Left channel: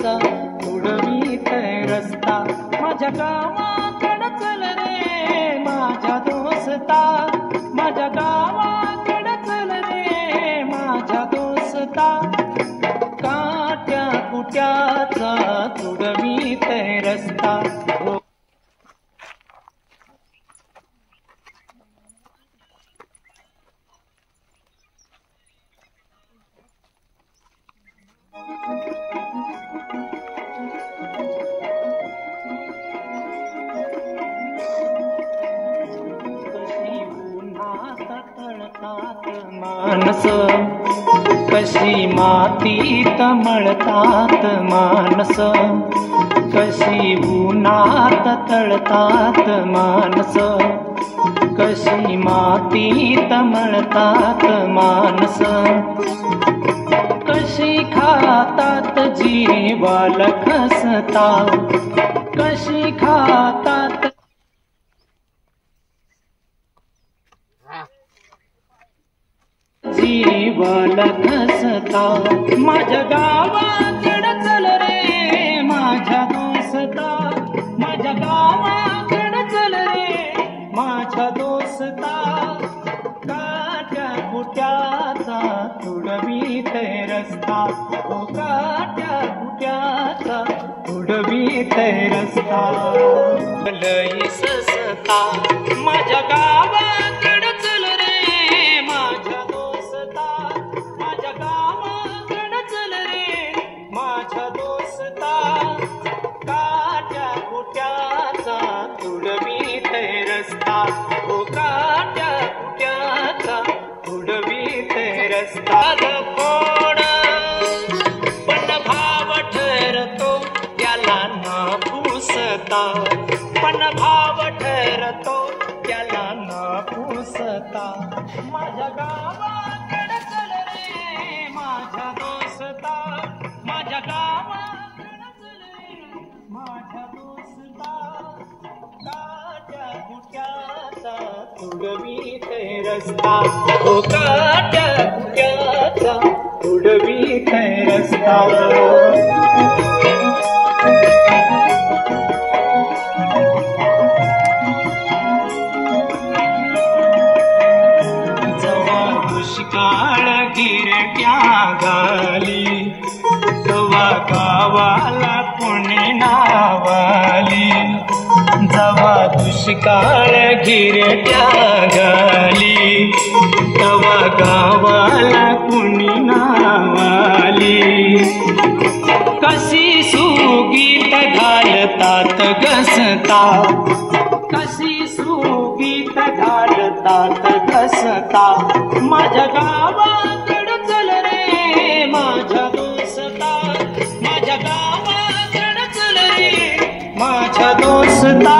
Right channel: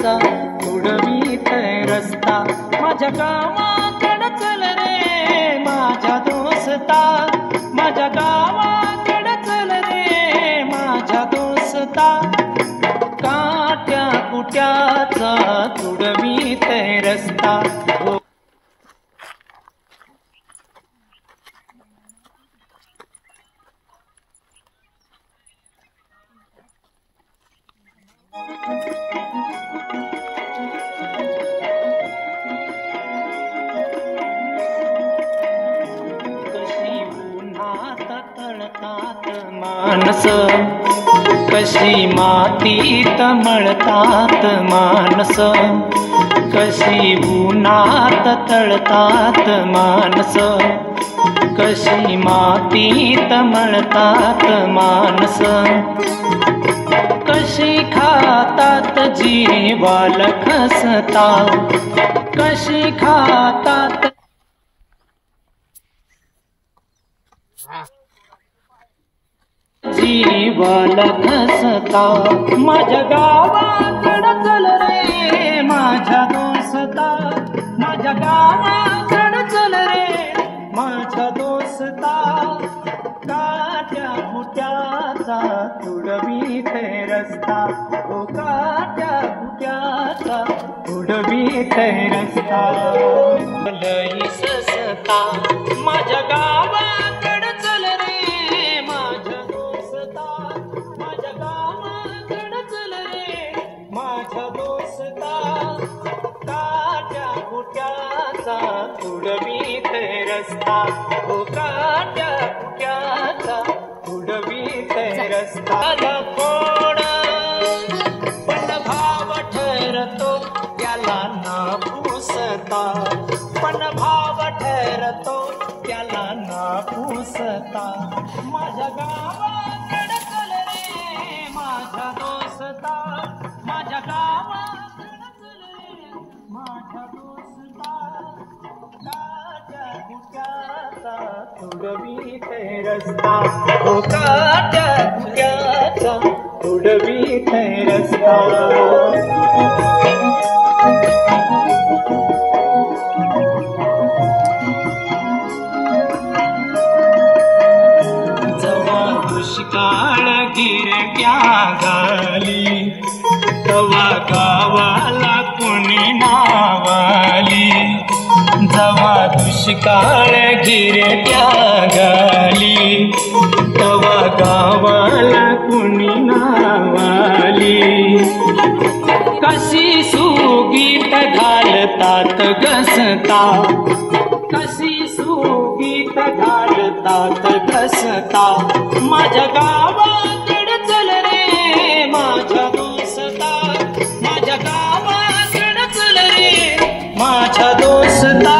कुट्याचा उडवीत रस्ता माझ्या गावाकडं चल रे माझ्या दोस्ता माझ्या गावाकडं चल रे माझ्या दोस्ता काट्या कुट्याचा उडवीत रस्ता मानस कशी मातीत मळतात मानस कशी उन्हात तळतात मानस कशी मातीत मळतात मानस कशी खातात जीवाला खसता कशी खातात जीवाला खसता माझ्या गावाकडं चल रे माझ्या दोस्ता माझ्या गावाकडं चल रे माझ्या दोस्ता काट्या कुट्याचा तुडवीत रस्ता ओ काट्या कुट्याचा तुडवीत रस्ता लई ससता माझ्या गावाकडं चल रे माझ्या दोस्ता माझ्या गावाकडं चल रे माझ्या दोस्ता काट्या कुट्याचा तुडवीत रस्ता ओ काट्या कुट्याचा तुडवीत रस्ता कोण पण भाव ठरतो त्याला न पुसता पण भाव ठरतो त्याला न पुसता माझ्या गावाकडं चल रे माझ्या दोस्ता माझ्या गावाकडं चल रे माझ्या दोस्ता काट्या कुट्याचा तुडवीत रस्ता ओ काट्या कुट्याचा तुडवीत रस्ता दुष्काळ गिरट्या गाली तवा गावाला कोणी नावाली जवा दुष्काळ गिरट्या गाली तवा गावाला कोणी नावाली कशी सुगीत घालतात घसता कशी सुगीत घालतात घसता माझ्या गावाकडं चल रे माझ्या दोस्ता माझ्या गावाकडं चल रे माझ्या दोस्ता